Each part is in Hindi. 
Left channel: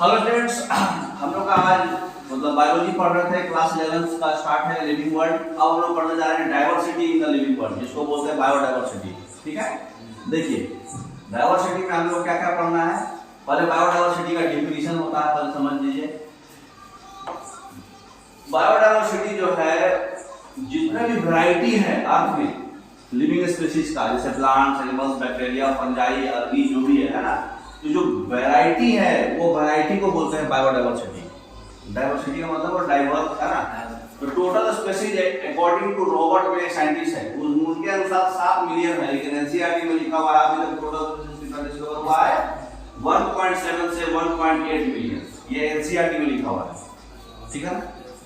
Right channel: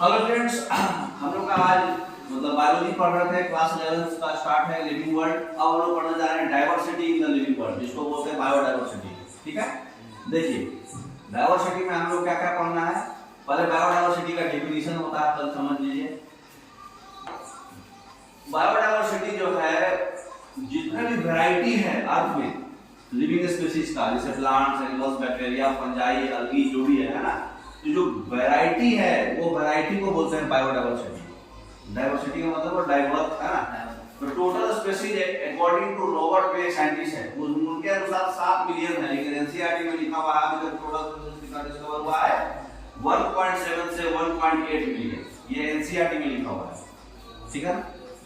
हेलो स्टूडेंट्स, हम लोग का आज बायोलॉजी पढ़ रहे थे। क्लास 11 का स्टार्ट है लिविंग वर्ल्ड। अब हम लोग पढ़ने जा रहे हैं diversity in the living world, जिसको बोलते हैं बायोडाइवर्सिटी। ठीक है, देखिए डाइवर्सिटी में हम लोग क्या क्या पढ़ना है। पहले बायोडाइवर्सिटी का डेफिनेशन होता है, पहले समझ लीजिए। बायोडाइवर्सिटी जो है, जितने भी वैरायटी है अर्थ में लिविंग स्पीशीज का, जैसे प्लांट्स, एनिमल्स, बैक्टीरिया, फंजाई, अलगी, जो भी है ना, तो जो वैरायटी है वो वैरायटी को बोलते हैं बायोडाइवर्सिटी। डाइवर्सिटी का मतलब डाइवर्स है ना। तो total species according to Robert वे साइंटिस्ट है, उनके अनुसार 7 मिलियन है, लेकिन एनसीईआरटी में लिखा हुआ है अभी तक टोटल स्पीशीज कितना डिस्कवर हुआ है 1.7 से 1.8 मिलियन। ये एनसीईआरटी में लिखा हुआ है, ठीक है।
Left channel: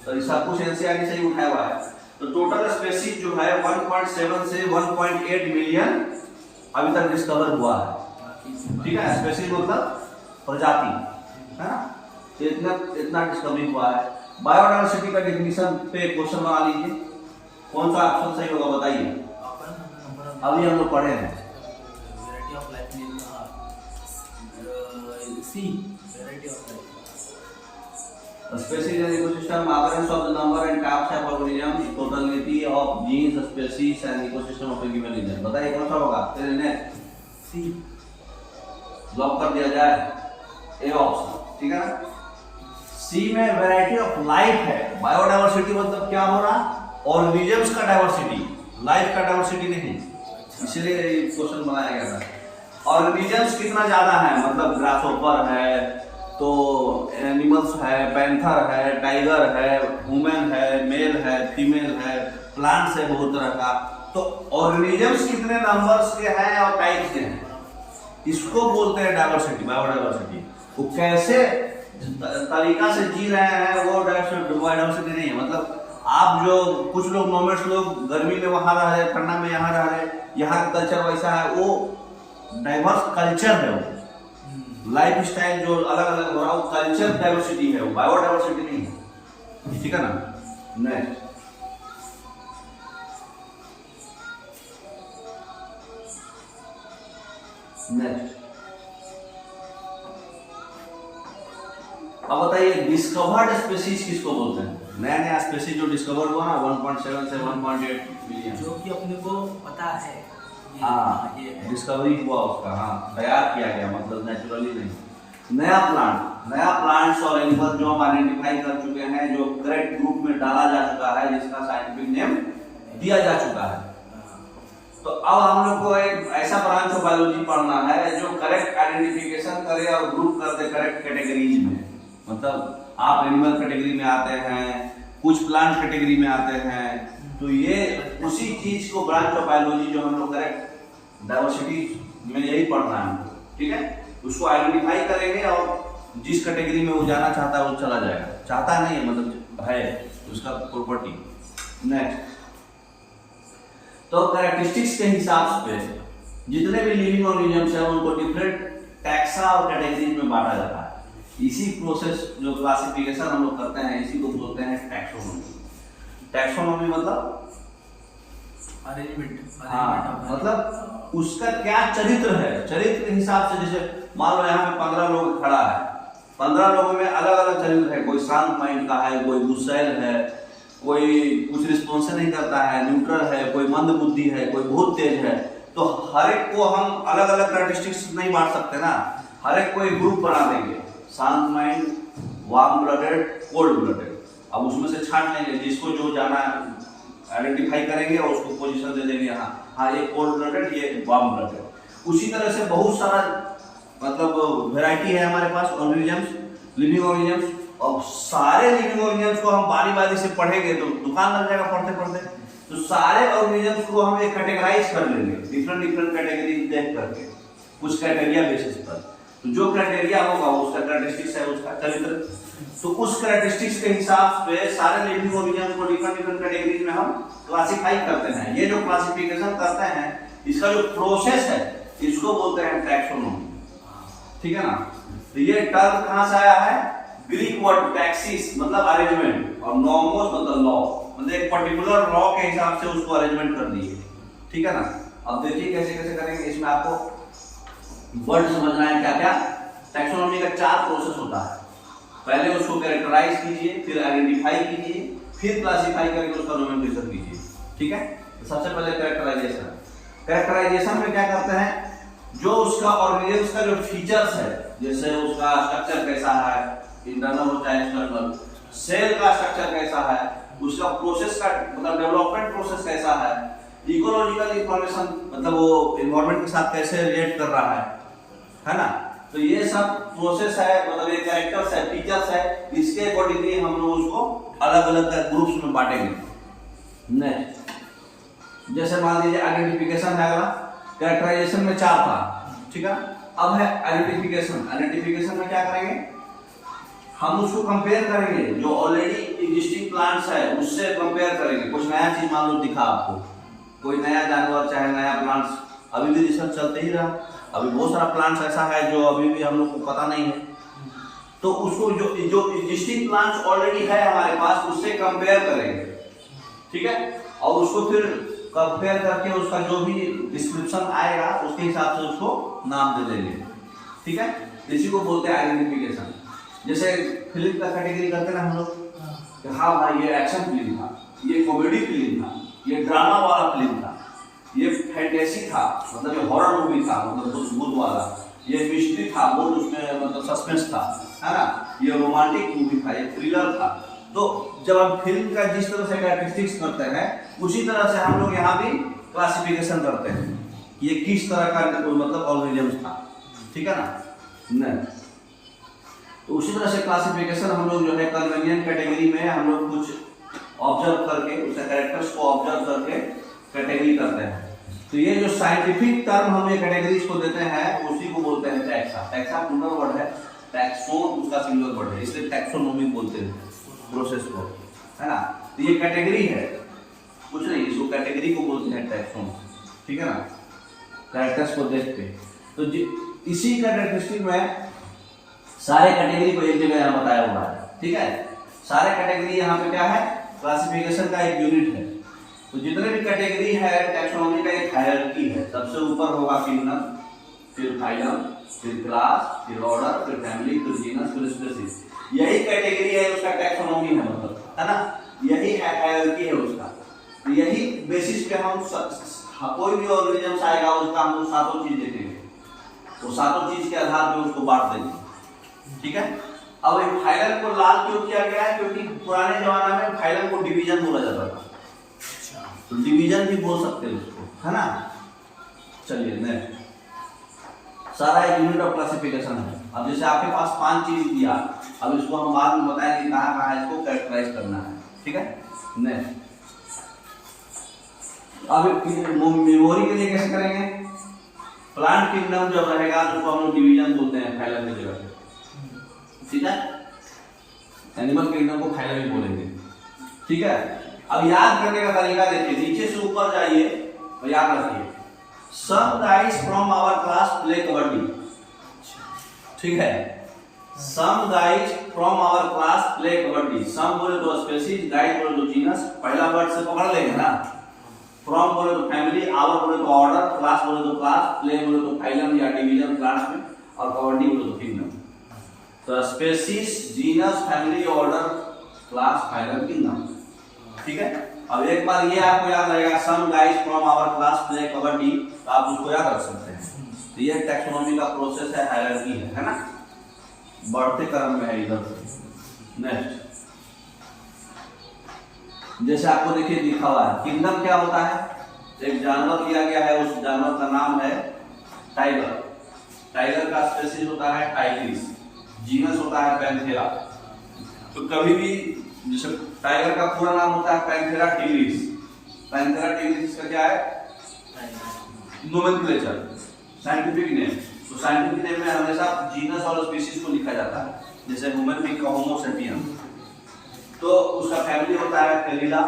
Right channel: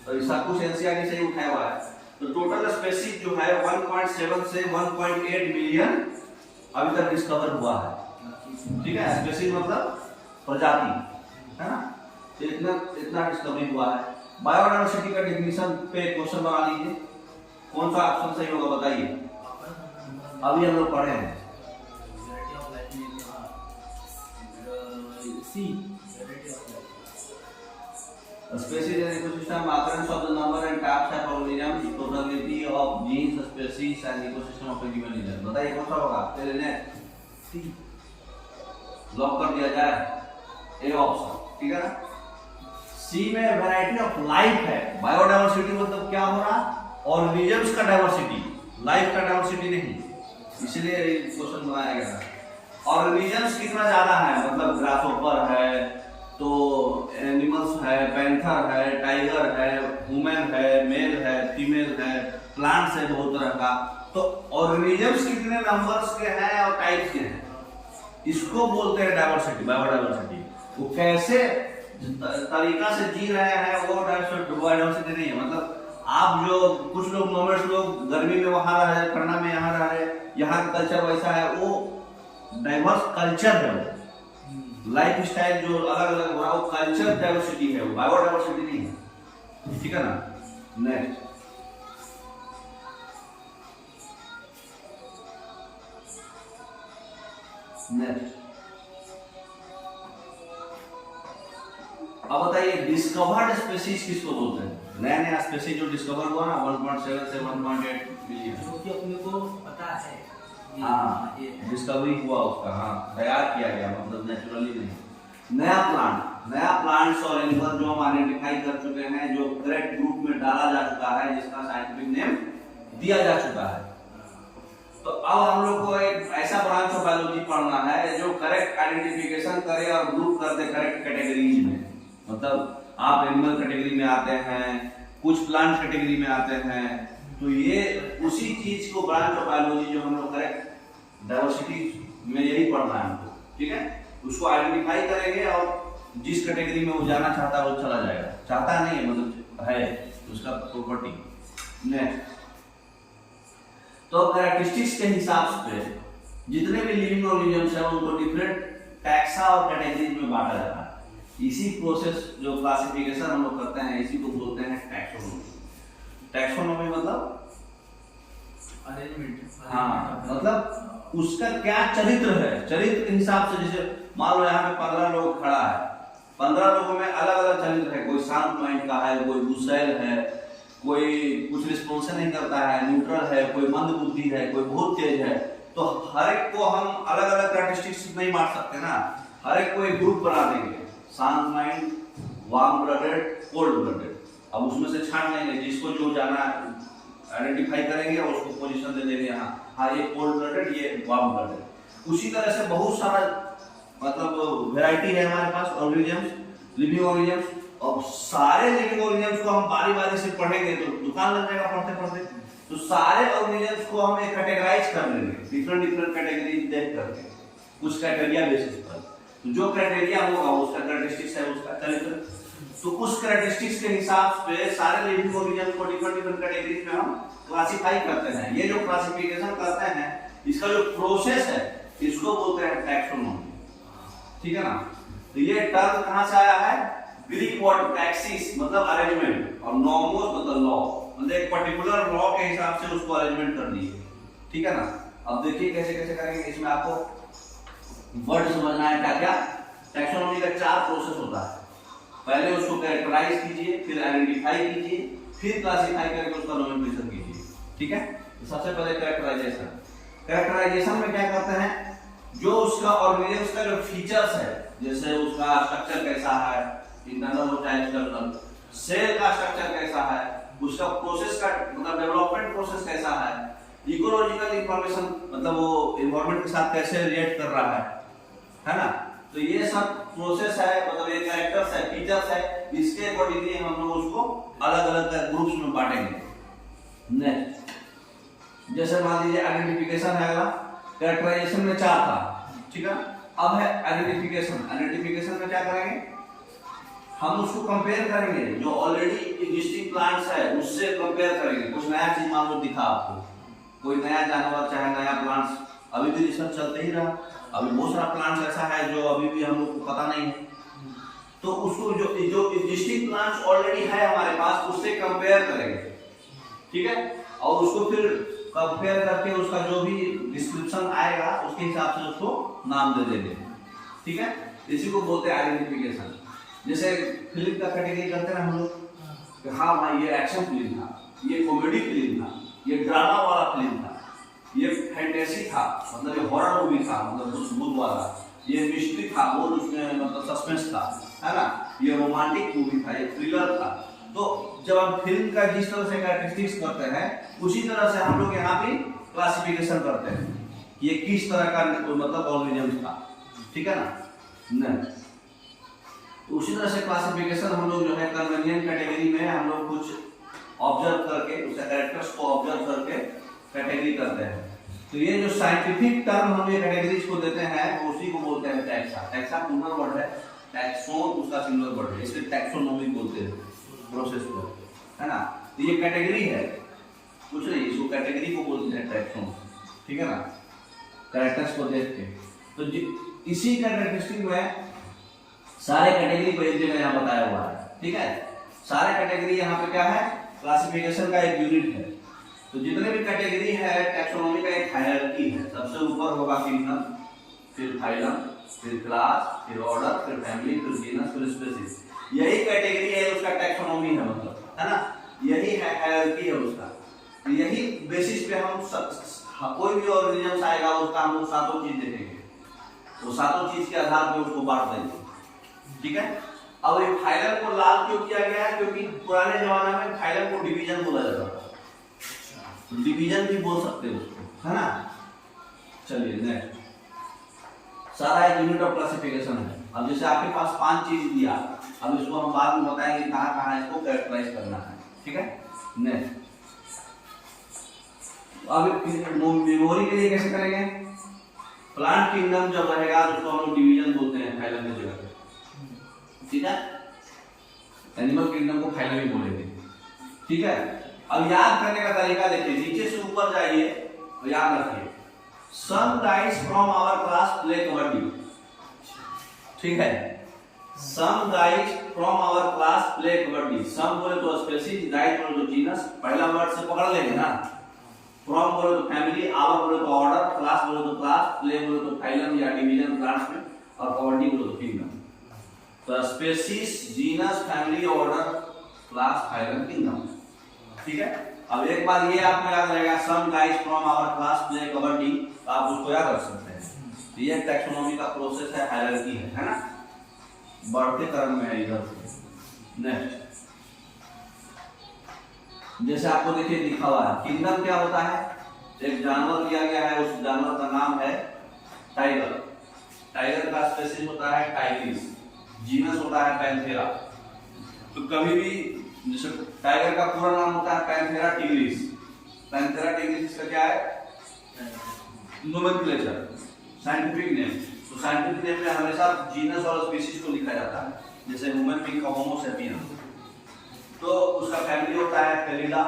तो ये सब कुछ एनसीईआरटी से ही उठाया हुआ है। तो टोटल स्पीशीज जो है 1.7 से 1.8 मिलियन अभी तक डिस्कवर हुआ है, ठीक है। स्पीशीज मतलब प्रजाति, है ना। तो इतना डिस्कवरी हुआ है। बायोडाइवर्सिटी का डेफिनेशन पे क्वेश्चन बना लीजिए। कौन सा ऑप्शन सही होगा बताइए। अभी हम लोग पढ़े हैं see variety of life. Species and ecosystem, occurrence of the number and types of organisms, totality of genes, species and ecosystem of a given region। बताइए कौन सा होगा। तेरे ने सी लॉक कर दिया जाए ए ऑप्शन, ठीक है ना। सी में वैरायटी ऑफ लाइफ है। बायोडाइवर्सिटी मतलब क्या हो रहा, ऑर्गेनिजम्स का डाइवर्सिटी, लाइफ का डाइवर्सिटी नहीं, इसलिए क्वेश्चन बनाया गया था। ऑर्गेनिजम्स कितना ज्यादा है, मतलब ग्रासहोपर है, तो एनिमल्स है, पैंथर है, टाइगर है, ह्यूमन है, मेल है, फीमेल है, प्लांट्स है बहुत तरह का। तो ऑर्गेनिजम्स कितने नंबर्स के हैं और टाइप्स के हैं, इसको बोलते हैं डाइवर्सिटी, बायोडाइवर्सिटी। वो कैसे तरीका से जी रहे हैं वो बायोडाइवर्सिटी नहीं है। मतलब आप जो कुछ लोग नॉर्मल्स लोग गर्मी में वहां रह रहे, ठंडा में यहाँ रह रहे, यहाँ का कल्चर वैसा है, वो डाइवर्स कल्चर है। वो लाइफ स्टाइल जो अलग अलग हो रहा है वो कल्चर डाइवर्सिटी है, वो बायोडाइवर्सिटी नहीं है, ठीक है ना। नेक्स्ट अब बताइए डिस्कवर्ड स्पीशीज किसको बोलते हैं। नया नया स्पीशीज जो डिस्कवर हुआ ना 1.7 से 1.8 मिलियन, जो कि अपने को पता है। हाँ, डिस्कवरी हुआ उसका, हाँ, तैयार किया गया, मतलब नेचुरली नहीं। नया प्लांट्स और एनिमल्स जो हम आइडेंटिफाई कर चुके हैं, जो करेक्ट ग्रुप में डाला जा चुका है, जिसका साइंटिफिक नेम दिया जा चुका है। तो अब हम लोग को एक ऐसा ब्रांच ऑफ बायोलॉजी पढ़ना है जो करेक्ट आइडेंटिफिकेशन करे और ग्रुप कर दे करेक्ट कैटेगरीज में। मतलब आप एनिमल कैटेगरी में आते हैं, कुछ प्लांट कैटेगरी में आते हैं, तो ये उसी चीज को ब्रांच ऑफ बायोलॉजी जो हम लोग करेक्ट डाइवर्सिटी में यही पढ़ना है हमको, ठीक है। उसको आइडेंटिफाई करेंगे और जिस कैटेगरी में वो जाना चाहता है वो चला जाएगा, चाहता नहीं है, मतलब है उसका प्रॉपर्टी। नेक्स्ट, तो कैरेक्टरिस्टिक्स के हिसाब से जितने भी लिविंग ऑर्गेनिजम्स हैं उनको डिफरेंट टैक्सा और कैटेगरीज में बांटा जाता है। इसी प्रोसेस जो क्लासिफिकेशन हम लोग करते हैं, इसी को बोलते हैं टैक्सोनॉमी। टैक्सोनॉमी मतलब अरेंजमेंट, हाँ, मतलब उसका क्या चरित्र है, चरित्र के हिसाब से। जैसे मान लो यहाँ पे 15 लोग खड़ा है, 15 लोगों में अलग अलग चरित्र है। कोई शांत माइंड का है, कोई गुस्सैल है, कोई कुछ रिस्पॉन्स नहीं करता है, न्यूट्रल है, कोई मंद बुद्धि है, कोई बहुत तेज है। तो हर एक को हम अलग अलग कैरेक्टरिस्टिक्स नहीं बांट सकते ना, हर एक को एक ग्रुप बना देंगे। शांत mind, warm blooded, cold blooded. अब उसमें से छांट लेंगे, जिसको जो जाना आइडेंटिफाई करेंगे और उसको पोजीशन दे देंगे। हाँ, ये कोल्ड ब्लडेड, ये वार्म ब्लडेड। उसी तरह से बहुत सारा मतलब वैरायटी है हमारे पास ऑर्गेनिजम्स, लिविंग ऑर्गेनिजम्स। और सारे लिविंग ऑर्गेनिजम्स को हम बारी बारी से पढ़ेंगे तो दुकान लग जाएगा पढ़ते पढ़ते। तो सारे ऑर्गेनिजम्स को हम एक कैटेगराइज कर लेंगे, डिफरेंट कैटेगरी देख करके, कुछ क्राइटेरिया बेसिस पर। तो जो क्राइटेरिया होगा उसका कैरेक्टरिस्टिक्स है, उसका चरित्र। तो उस कैरेक्टरिस्टिक्स के हिसाब से सारे लिविंग ऑर्गेनिजम्स को डिफरेंट कैटेगरीज में हम क्लासिफाई करते हैं। ये जो क्लासिफिकेशन करते हैं, इसका जो प्रोसेस है, इसको बोलते हैं टैक्सोनॉमी, ठीक है ना। तो ये टर्म कहां से आया है, ग्रीक वर्ड टैक्सिस मतलब अरेंजमेंट, और नॉमोस मतलब लॉ, मतलब एक पर्टिकुलर लॉ के हिसाब से उसको अरेंजमेंट कर दिए, ठीक है ना। अब देखिए कैसे कैसे करेंगे। इसमें आपको वर्ड समझना है क्या क्या। टैक्सोनॉमी का 4 प्रोसेस होता है। पहले उसको कैरेक्टराइज कीजिए, फिर आइडेंटिफाई कीजिए, फिर क्लासिफाई करके उसका नोमेनक्लेचर कीजिए। ठीक है, तो सबसे पहले कैरेक्टराइजेशन। कैरेक्टराइजेशन में क्या करते हैं, जो उसका ऑर्गेनिज्म का जो फीचर्स है, जैसे उसका स्ट्रक्चर कैसा है, इंटरनल हो चाहे एक्सटर्नल, सेल का स्ट्रक्चर कैसा है, उसका प्रोसेस का मतलब डेवलपमेंट प्रोसेस कैसा है, इकोलॉजिकल इंफॉर्मेशन मतलब वो एनवायरनमेंट के साथ कैसे रिलेट कर रहा है ना। तो ये सब प्रोसेस है, मतलब ये कैरेक्टर्स है, फीचर्स है, इसके अकॉर्डिंगली हम लोग उसको अलग अलग ग्रुप्स में बांटेंगे। नेक्स्ट, जैसे मान लीजिए आइडेंटिफिकेशन है अगला, कैरेक्टराइजेशन में 4 था, ठीक है। अब है आइडेंटिफिकेशन। आइडेंटिफिकेशन में क्या करेंगे, हम उसको कंपेयर करेंगे, जो ऑलरेडी एग्जिस्टिंग प्लांट्स है उससे कंपेयर करेंगे। कुछ नया चीज मान लो दिखा आपको, कोई नया जानवर चाहे नया प्लांट्स, अभी भी रिसर्च चलते ही रहा, अभी बहुत सारा प्लांट्स ऐसा है जो अभी भी हम लोग को पता नहीं है, तो उसको जो एग्जिस्टिंग प्लांट्स ऑलरेडी है हमारे पास उससे कंपेयर करेंगे, ठीक है। और उसको फिर कंपेयर करके उसका जो भी डिस्क्रिप्शन आएगा उसके हिसाब से उसको नाम दे देंगे, ठीक है। इसी को बोलते हैं आइडेंटिफिकेशन। जैसे फिल्म का कैटेगरी करते हैं हम लोग कि हाँ भाई ये एक्शन फिल्म था, ये कॉमेडी फिल्म था, ये ड्रामा वाला फिल्म था, ये फैंटेसी था मतलब ये हॉरर मूवी था मतलब भूत वाला, ये मिस्ट्री था बहुत उसमें मतलब सस्पेंस था, है ना, ये रोमांटिक मूवी था, ये थ्रिलर था। तो जब हम फिल्म का जिस तरह से कैरेक्टरिस्टिक्स करते हैं उसी तरह से हम लोग यहाँ भी क्लासिफिकेशन करते हैं कि ये किस तरह का मतलब ऑर्गेनिज्म था, ठीक है ना। नहीं, तो उसी तरह से क्लासिफिकेशन हम लोग जो है कन्वीनियंट कैटेगरी में हम लोग कुछ ऑब्जर्व करके उसके कैरेक्टर्स को ऑब्जर्व करके कैटेगरी करते हैं। तो ये जो साइंटिफिक टर्म हम ये कैटेगरीज को देते हैं उसी को बोलते हैं टैक्सा। टैक्सा प्लूरल वर्ड है, टैक्सोन उसका सिंगुलर वर्ड है, इसलिए टैक्सोनॉमी बोलते हैं प्रोसेस को, है ना। तो ये कैटेगरी है, कुछ नहीं, इसको कैटेगरी को बोलते हैं टैक्सोन, ठीक है ना, कैरेक्टर्स को देख के। तो इसी कैरेक्टरिस्टिक में सारे कैटेगरी को एक जगह यहाँ बताया हुआ है, ठीक है। सारे कैटेगरी यहाँ पे क्या है, क्लासिफिकेशन का एक यूनिट है। तो जितने भी कैटेगरी है टैक्सोनॉमी का एक हायरार्की है, सबसे ऊपर होगा किंगडम, फिर फाइलम, फिर क्लास, फिर ऑर्डर, फिर फैमिली, फिर जीनस, फिर स्पीशीज। यही कैटेगरी है उसका टैक्सोनॉमी है, मतलब है ना, यही हायरार्की है उसका। तो यही बेसिस पे हम कोई भी ऑर्गेनिज्म आएगा उसका हम लोग 7 चीज देखेंगे, वो 7 चीज के आधार पे उसको बांट देंगे, ठीक है। अब एक फाइलम को लाल क्यों किया गया है, क्योंकि पुराने जमाने में फाइलम को डिवीजन बोला जाता था, तो डिवीजन भी बोल सकते हैं उसको, है ना। चलिए नेक्स्ट, सारा एक यूनिट ऑफ क्लासिफिकेशन है। अब जैसे आपके पास 5 चीज दिया, अब इसको हम बाद में बताएंगे कहाँ कहाँ इसको कैरेक्टराइज करना है, ठीक है। नेक्स्ट, अब मेमोरी के लिए कैसे करेंगे, प्लांट किंगडम जब रहेगा तो उसको हम लोग डिवीजन बोलते हैं फाइलम की जगह, ठीक है। एनिमल किंगडम को फाइलम ही बोलेंगे, ठीक है। अब याद करने का तरीका देखिए, नीचे से ऊपर जाइए और याद रखिए, some guys from our class play kabaddi, ठीक है। Some guys from our class play kabaddi, some बोले तो स्पीशीज, गाइस बोले तो जीनस, पहला वर्ड से पकड़ लेंगे ना। फ्रॉम बोले तो फैमिली, आवर बोले तो ऑर्डर, क्लास बोले तो क्लास, प्ले बोले तो फाइलम या डिवीजन प्लांट्स में, और कबड्डी बोले तो किंगडम। तो species, genus, family, order, class, phylum, kingdom, ठीक है। अब एक बार ये आपको याद रहेगा, some guys from our class play kabaddi, तो आप उसको याद रख सकते हैं। तो ये टैक्सोनॉमी का प्रोसेस है, हायरार्की है ना, बढ़ते क्रम में है इधर से। नेक्स्ट, जैसे आपको देखिए लिखा हुआ है, किंगडम क्या होता है, एक जानवर दिया गया है, उस जानवर का नाम है टाइगर। टाइगर का स्पीशीज होता है टाइग्रिस, जीनस होता है पैंथेरा। तो कभी भी जैसे टाइगर का पूरा नाम होता है पैंथेरा टिग्रिस, पैंथेरा टिग्रिस का क्या है नोमेनक्लेचर, साइंटिफिक नेम। तो साइंटिफिक नेम में हमेशा जीनस और स्पीशीज को लिखा जाता है, जैसे ह्यूमन बीइंग का होमो सेपियन, तो उसका फैमिली होता है फेलिडा,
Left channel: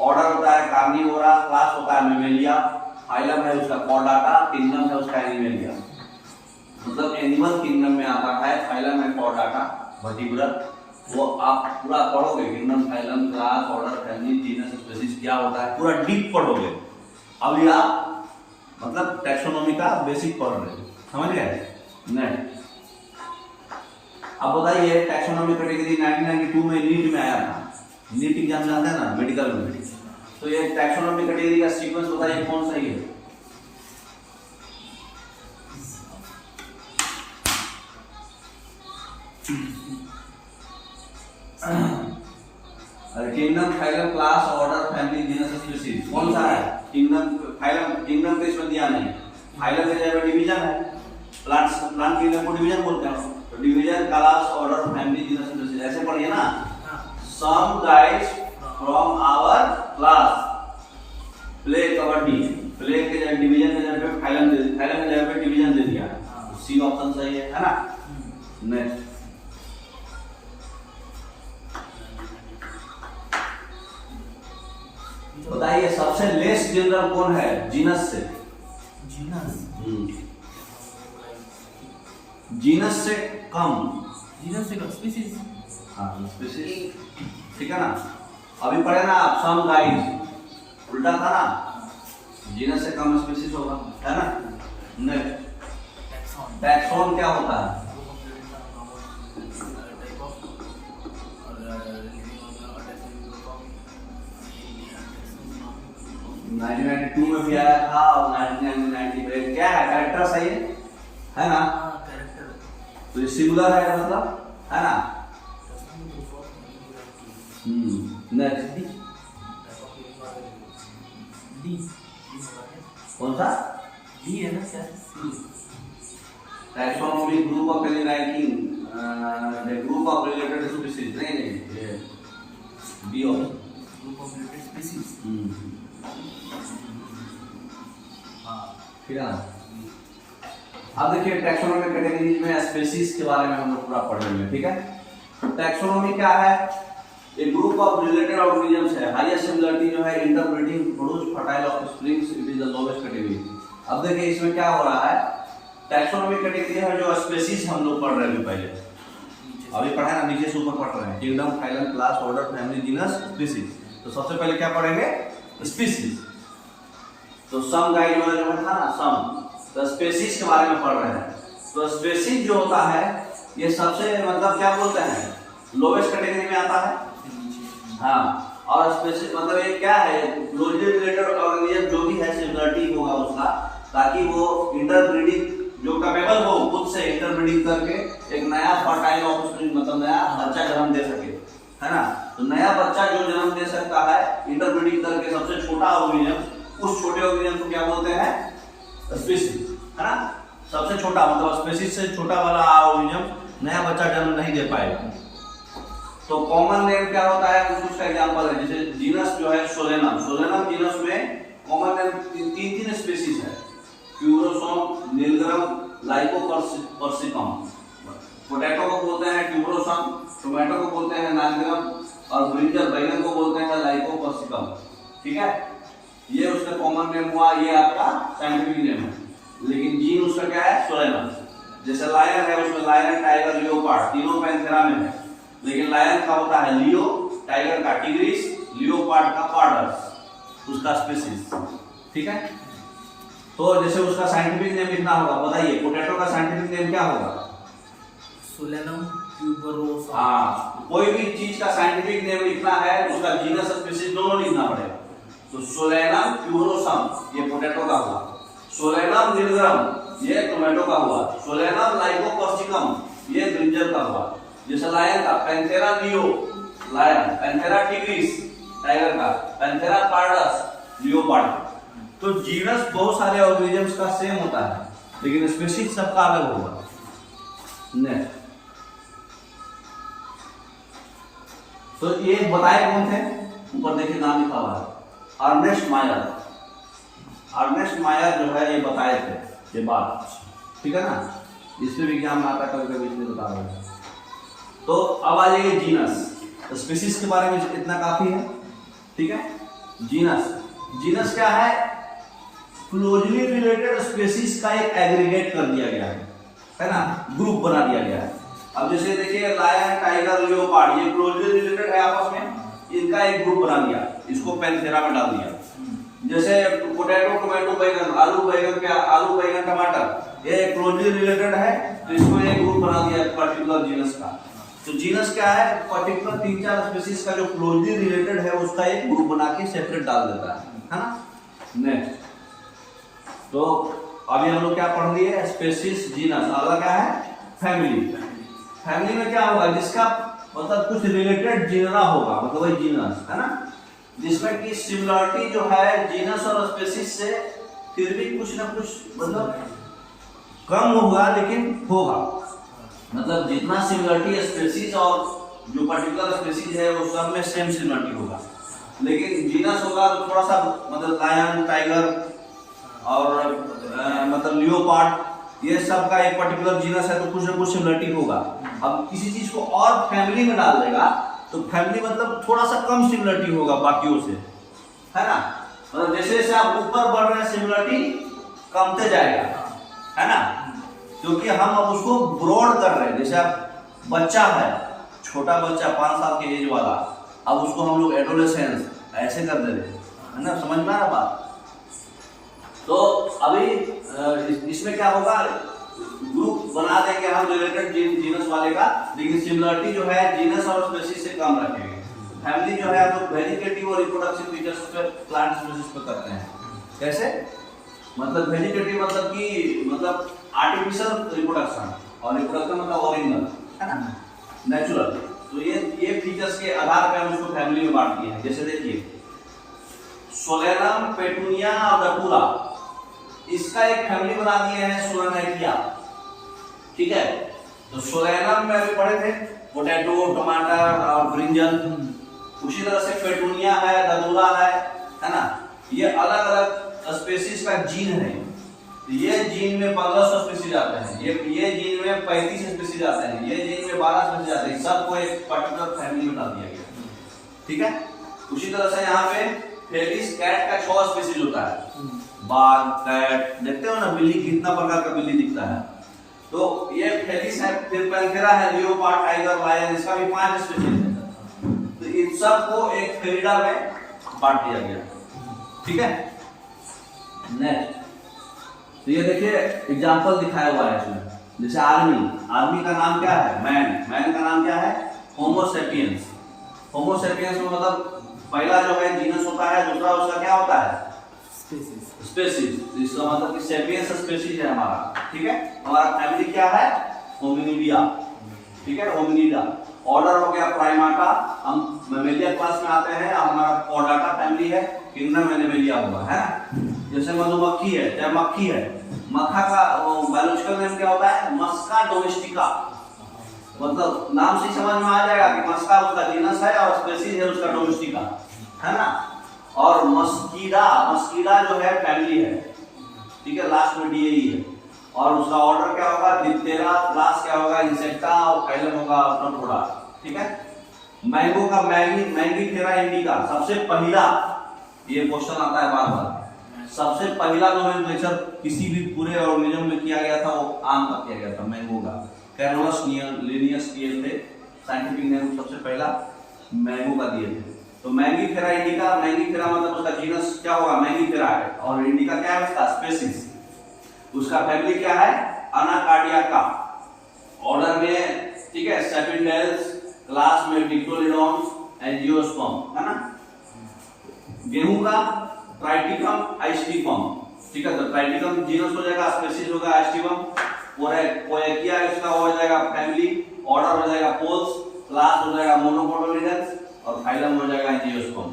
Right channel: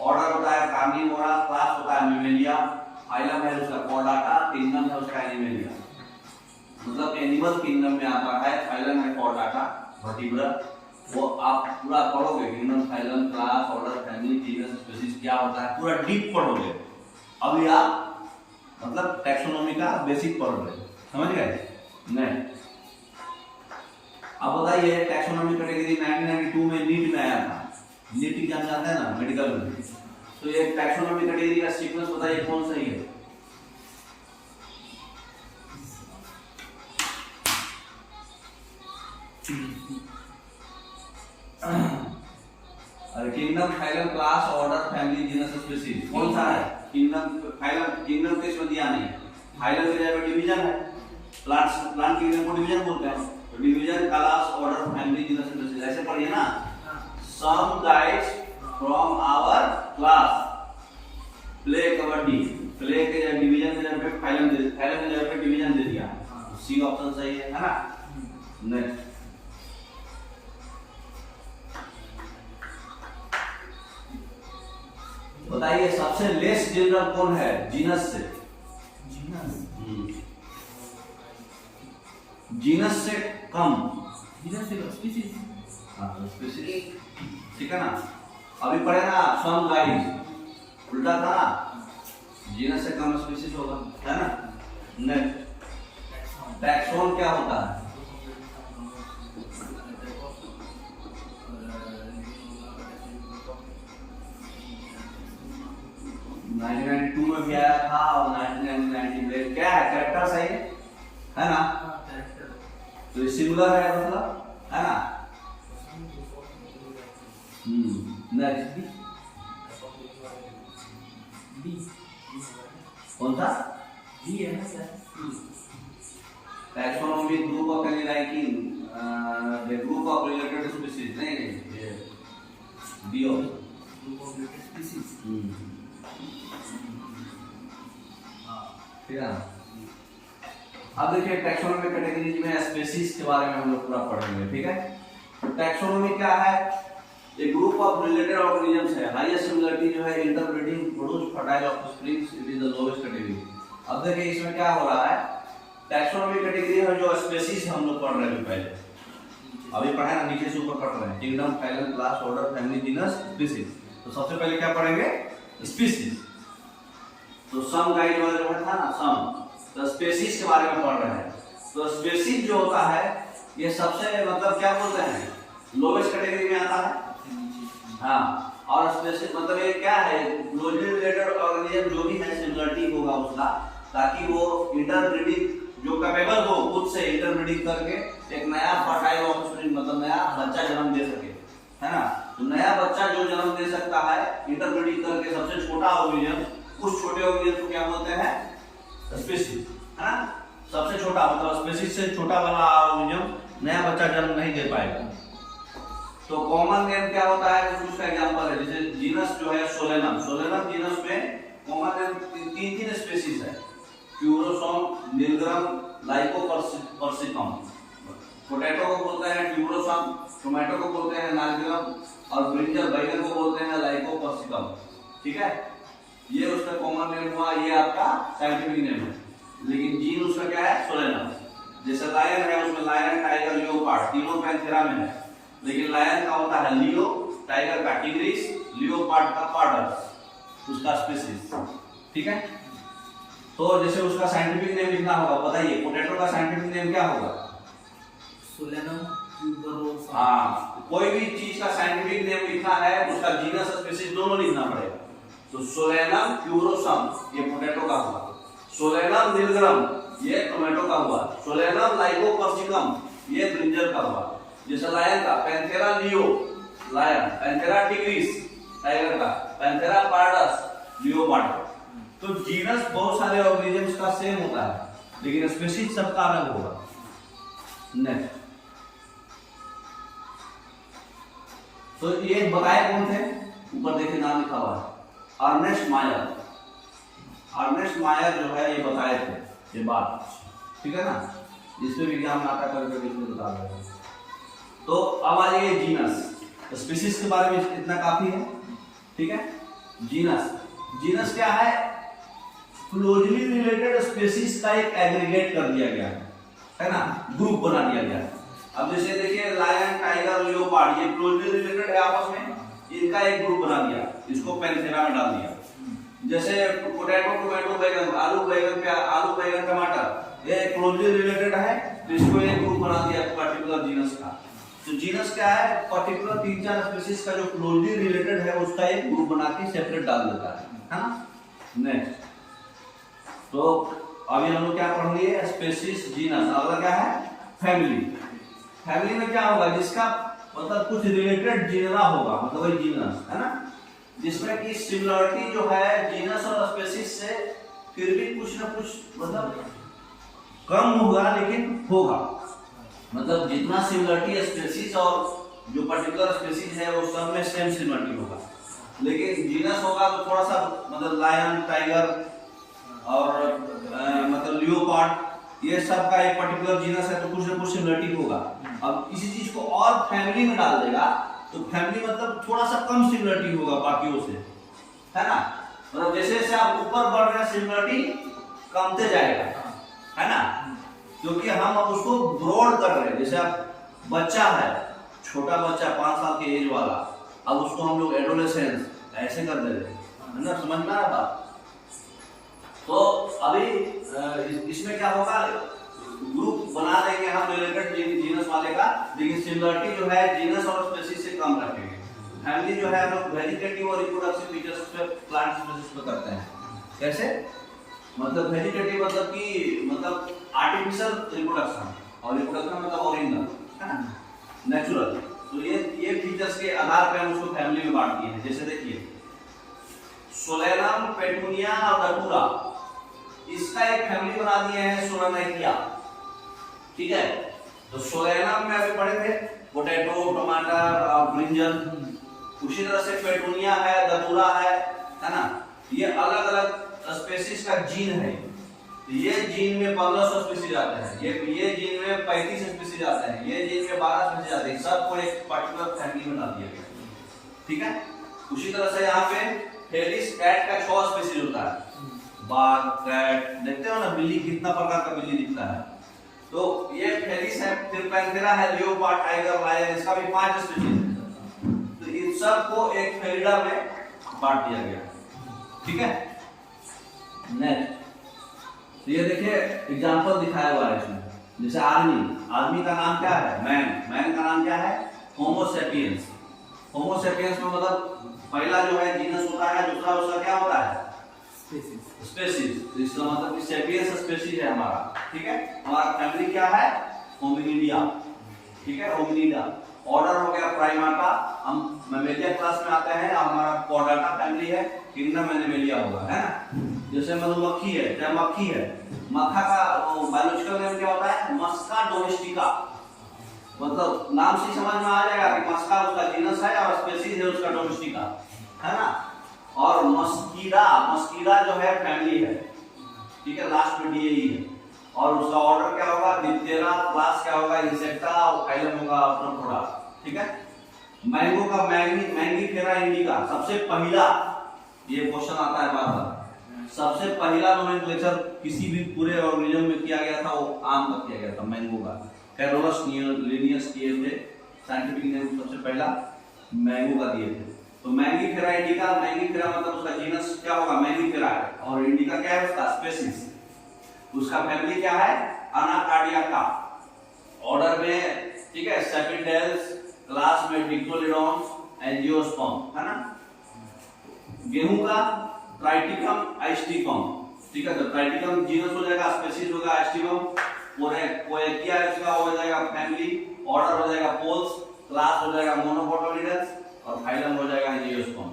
ऑर्डर होता है कार्निवोरा, क्लास होता है मेमेलिया, फाइलम है उसका कॉर्डाटा, किंगडम है उसका एनिमेलिया। मतलब एनिमल किंगडम में आता है, फाइलम है कॉर्डाटा, वर्टिब्रेट, वो आप पूरा पढ़ोगे, kingdom, phylum, class, order, family, genus, species क्या होता है पूरा डीप पढ़ोगे। अभी आप मतलब टैक्सोनॉमी का बेसिक पढ़ रहे हैं, समझ गए। नहीं, अब बताइए टैक्सोनॉमी कैटेगरी 1992 में नीट में आया था, नीट एग्जाम जानते हैं ना मेडिकल में, तो ये टैक्सोनॉमी कैटेगरी का सीक्वेंस बताइए कौन सही है? अरे kingdom, phylum, class, order, family, genus, species कौन सा है? किंगडम, फाइलम, किंगडम तो इसमें दिया नहीं, फाइलम के जगह डिवीजन है, प्लांट किंगडम को डिवीजन बोलते हैं, तो division, class, order, family, genus, species ऐसे पढ़िए ना। Some guys from our class play kabaddi, play के जगह डिवीजन के जगह पे फाइलम दे, फाइलम के जगह पे डिवीजन दे दिया, सी ऑप्शन सही है ना। नेक्स्ट बताइए सबसे लेस जनरल कौन है जीनस से? जीनस जीनस से कम, जीनस से स्पीशीज। हाँ स्पीशीज, ठीक है ना। अभी पढ़े ना आप सम गाइस, उल्टा था ना, जीनस से कम स्पीशीज होगा, है ना। नेक्स्ट टैक्सोन क्या होता है? 1992 में भी आया था और 1990 में, क्या है कैरेक्टर सही है ना। कैरेक्टर तो ये सिंगुलर है मतलब, है ना। नेक्स्ट डी, कौन सा? डी है ना क्या? Taxonomy group of any ranking, the group of related species, नहीं ये be of group of related species. ठीक है ना। अब देखिए टैक्सोनॉमी कैटेगरीज में स्पीशीज के बारे में हम लोग पूरा पढ़ेंगे, ठीक है। तो टैक्सोनॉमी क्या है? एक ग्रुप ऑफ रिलेटेड ऑर्गेनिजम्स है, हाईएस्ट सिमिलरिटी जो है interbreeding, produce, fertile offsprings, it is the lowest category. अब देखिए इसमें क्या हो रहा है, टैक्सोनॉमी कैटेगरी है जो स्पीशीज हम लोग पढ़ रहे हैं पहले, अभी पढ़े ना, नीचे से ऊपर पढ़ रहे हैं, kingdom, phylum, class, order, family, genus, species. तो सबसे पहले क्या पढ़ेंगे? स्पीशीज। तो सम गाइड वाला जो है था ना सम, तो स्पीशीज के बारे में पढ़ रहे हैं। तो स्पीशीज जो होता है ये सबसे मतलब क्या बोलते हैं, लोवेस्ट कैटेगरी में आता है। हाँ, और स्पीशीज मतलब ये क्या है, क्लोजली रिलेटेड ऑर्गेनिज्म जो भी है सिमिलरिटी होगा उसका, ताकि वो इंटरब्रीडिंग जो कैपेबल हो खुद से इंटरब्रीडिंग करके एक नया फर्टाइल ऑफस्प्रिंग मतलब नया बच्चा जन्म दे सके, है ना। तो नया बच्चा जो जन्म दे सकता है इंटरब्रीडिंग करके, सबसे छोटा ऑर्गेनिज्म, उस छोटे ऑर्गेनिज्म को क्या बोलते हैं? स्पीशीज, है ना। सबसे छोटा मतलब स्पीशीज से छोटा वाला ऑर्गेनिज्म नया बच्चा जन्म नहीं दे पाएगा। तो कॉमन नेम क्या होता है, कुछ का एग्जांपल है, जैसे जीनस जो है सोलेनम, सोलेनम जीनस में कॉमन नेम तीन स्पीशीज है, ट्यूबरोसम, निलग्रम, लाइकोपर्सिकम। पोटैटो को बोलते हैं ट्यूबरोसम, टोमेटो को बोलते हैं निलग्रम, और ब्रिंजल बैगन को बोलते हैं लाइकोपर्सिकम, ठीक है। ये उसका कॉमन नेम हुआ, ये आपका साइंटिफिक नेम है, लेकिन जीन उसका क्या है? सोलेनम। जैसे लायन है, उसमें लायन, टाइगर, लियोपार्ड तीनों पैंथेरा में है, लेकिन लायन का होता है लियो, टाइगर का टिग्रिस, लियोपार्ड का पार्डस, उसका स्पीशीज, ठीक है। तो जैसे उसका साइंटिफिक नेम लिखना होगा, बताइए पोटैटो का साइंटिफिक नेम क्या होगा? Solanum tuberosum. हाँ, कोई भी चीज का साइंटिफिक नेम लिखना है उसका जीनस स्पीशीज दोनों लिखना पड़ेगा। तो सोलेनम ट्यूबरोसम ये पोटैटो का हुआ, सोलेनम निलग्रम ये टोमेटो का हुआ, सोलेनम लाइकोपर्सिकम ये ब्रिंजल का हुआ। जैसे लायन का Panthera leo lion, Panthera tigris tiger का, पैंथेरा पार्डस लियोपार्ड का। तो जीनस बहुत सारे ऑर्गेनिजम्स का सेम होता है, लेकिन स्पीशीज सबका अलग होगा। नेक्स्ट, तो ये बताए कौन थे? ऊपर देखिए नाम लिखा हुआ है, अर्नेस्ट मायर। अर्नेस्ट मायर जो है ये बताए थे ये बात, ठीक है ना। इसमें भी एग्जाम में आता है, कभी कभी इसमें बता रहे हैं। तो अब आ जाइए जीनस, स्पीशीज के बारे में इतना काफी है, ठीक है। जीनस, जीनस क्या है? क्लोजली रिलेटेड स्पीशीज का एक एग्रीगेट कर दिया गया है ना, ग्रुप बना दिया गया है। अब जैसे देखिए लायन, टाइगर, लियोपार्ड ये क्लोजली रिलेटेड है आपस में, इनका एक ग्रुप बना दिया, इसको पैंथेरा में डाल दिया। जैसे पोटैटो, टोमेटो, बैगन, आलू बैगन, टमाटर ये क्लोजली रिलेटेड है, तो इसको एक ग्रुप बना दिया पर्टिकुलर जीनस का। तो जीनस क्या है, पर्टिकुलर 3-4 स्पीशीज का जो क्लोजली रिलेटेड है उसका एक ग्रुप बना के सेपरेट डाल देता है ना। नेक्स्ट, तो अभी हम लोग क्या पढ़ लिए, स्पीशीज, जीनस। अगला क्या है, फैमिली। फैमिली में क्या होगा, जिसका मतलब कुछ रिलेटेड जीनरा होगा, मतलब वही जीनस है ना, जिसमें कि सिमिलरिटी जो है जीनस और स्पीशीज से फिर भी कुछ ना कुछ मतलब कम होगा लेकिन होगा। मतलब जितना सिमिलरिटी स्पीशीज और जो पर्टिकुलर स्पीशीज है वो सब में सेम सिमिलरिटी होगा, लेकिन जीनस होगा तो थोड़ा सा मतलब लायन, टाइगर और मतलब लियोपार्ड, ये सब का एक पर्टिकुलर जीनस है तो कुछ ना कुछ सिमिलरिटी होगा। अब किसी चीज को और फैमिली में डाल देगा तो फैमिली मतलब थोड़ा सा कम सिमिलरिटी होगा बाकियों से, है ना। मतलब जैसे जैसे आप ऊपर बढ़ रहे हैं सिमिलरिटी कमते जाएगा, है ना, क्योंकि हम अब उसको ब्रॉड कर रहे हैं। जैसे आप बच्चा है, छोटा बच्चा 5 साल के एज वाला, अब उसको हम लोग एडोलेसेंस ऐसे कर दे रहे हैं, है ना, समझ में आ रहा बात। तो अभी इसमें क्या होगा, ग्रुप बना देंगे हम रिलेटेड जीनस वाले का, लेकिन सिमिलरिटी जो है जीनस और स्पीशीज से कम रखेंगे। फैमिली जो है हम लोग वेजिटेटिव और रिप्रोडक्टिव फीचर्स पे, प्लांट स्पीशीज पे करते हैं। कैसे, मतलब वेजिटेटिव मतलब कि मतलब आर्टिफिशियल रिप्रोडक्शन, और रिप्रोडक्शन मतलब ओरिजिनल, है ना, नेचुरल। तो ये फीचर्स के आधार पे हम उसको फैमिली में बांट दिए हैं। जैसे देखिए सोलेनम, पेटूनिया और डपूरा, इसका एक फैमिली बना दिए हैं सोलेनाइटिया, ठीक है। तो सोलेनम में अभी पढ़े थे पोटैटो, टमाटर और ब्रिंजल। उसी तरह से पेटूनिया है, डपूरा है ना, ये अलग अलग स्पीशीज का जीन है। ये जीन में 1500 स्पीशीज आते हैं, ये जीन में 35 स्पीशीज आते हैं, ये जीन में 12 स्पीशीज आते हैं, सबको एक पर्टिकुलर फैमिली में डाल दिया गया, ठीक है। उसी तरह से यहाँ पे फेलिस कैट का 6 स्पीशीज होता है, बाघ, कैट, देखते हो ना बिल्ली, कितना प्रकार का बिल्ली दिखता है। तो ये फेलिस है, फिर पैंथेरा है, लियोपार्ड, टाइगर, लायन, इसका भी 5 स्पीशीज है। तो इन सबको एक फेलिडा में बांट दिया गया, ठीक है। नेक्स्ट, तो ये देखिए एग्जांपल दिखाया हुआ है इसमें, जैसे आर्मी का नाम क्या है, मैन का नाम क्या है, होमो सेपियंस। होमो सेपियंस में मतलब पहला जो है जीनस होता है, दूसरा उसका क्या होता है, स्पीशीज। इसका मतलब कि सेपियंस स्पीशीज है हमारा, ठीक है। हमारा फैमिली क्या है, होमिनिडिया, ठीक है, होमिनिडा। ऑर्डर हो गया प्राइमाटा, हम मैमेलिया क्लास में आते हैं, हमारा पॉडाटा फैमिली है, किंगडम एनिमलिया होगा, है ना। जैसे मधुमक्खी है, चाहे मक्खी है, मक्खा का बायोलॉजिकल नेम क्या होता है, मस्का डोमेस्टिका। मतलब नाम से समझ में आ जाएगा कि मस्का उसका जीनस है और स्पीशीज है उसका डोमेस्टिका, है ना। और मस्कीडा जो है फैमिली है, ठीक है, लास्ट में डीएई है। और उसका ऑर्डर क्या होगा, डिप्टेरा, क्लास क्या होगा, इंसेक्टा, और फाइलम होगा प्रोटोडा, ठीक है। मैंगो का मैंगीफेरा इंडिका, सबसे पहला, ये क्वेश्चन आता है बार बार, सबसे पहला नोमेनक्लेचर किसी भी पूरे ऑर्गेनिज्म में किया गया था वो आम का किया गया था, मैंगो का। कैरोलस लिनियस किए थे, साइंटिफिक नेम सबसे पहला मैंगो का दिए थे। तो मैंगीफेरा इंडिका, मैंगीफेरा मतलब उसका जीनस क्या होगा, मैंगीफेरा है, और इंडिका क्या है उसका स्पीशीज। उसका फैमिली क्या है, अनाकार्डियाका, ऑर्डर में, ठीक है, सेपिटेल्स, क्लास में डिक्टोलिडॉन्स, एंजियोस्पर्म, है ना। गेहूं का ट्राइटिकम आइस्टिकम, ठीक है। तो ट्राइटिकम जीनस हो जाएगा, स्पीशीज होगा आइस्टिकम, पोएकिया उसका हो जाएगा फैमिली, ऑर्डर हो जाएगा पोल्स, क्लास हो जाएगा मोनोकोटिलिडन्स, और फाइलम हो जाएगा एंजियोस्पर्म।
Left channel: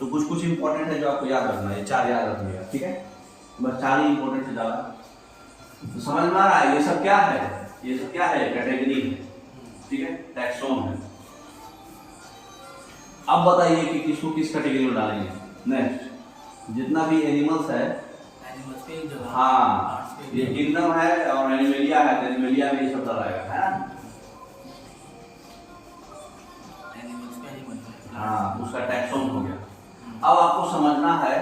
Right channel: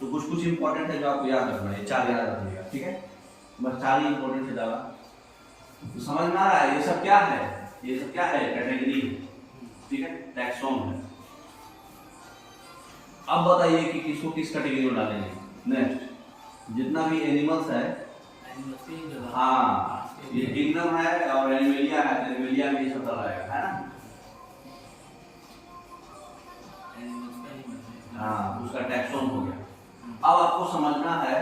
तो कुछ इंपॉर्टेंट है जो आपको याद रखना है, 4 याद रखिएगा, ठीक है, बस 4 ही इंपॉर्टेंट है ज्यादा। तो समझ में आ रहा है ये सब क्या है, ये सब क्या है, कैटेगरी है, ठीक है, टैक्सोन है। अब बताइए कि किसको किस कैटेगरी में डालेंगे। नेक्स्ट, जितना भी एनिमल्स है, हाँ, ये किंगडम है और एनिमलिया है, एनिमलिया में ये सब डालेगा, है ना। हाँ, उसका टैक्सोन हो गया। अब आपको समझना है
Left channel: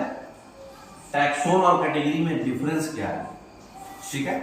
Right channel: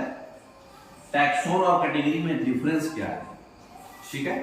टैक्सोन और कैटेगरी में डिफरेंस क्या है, ठीक है।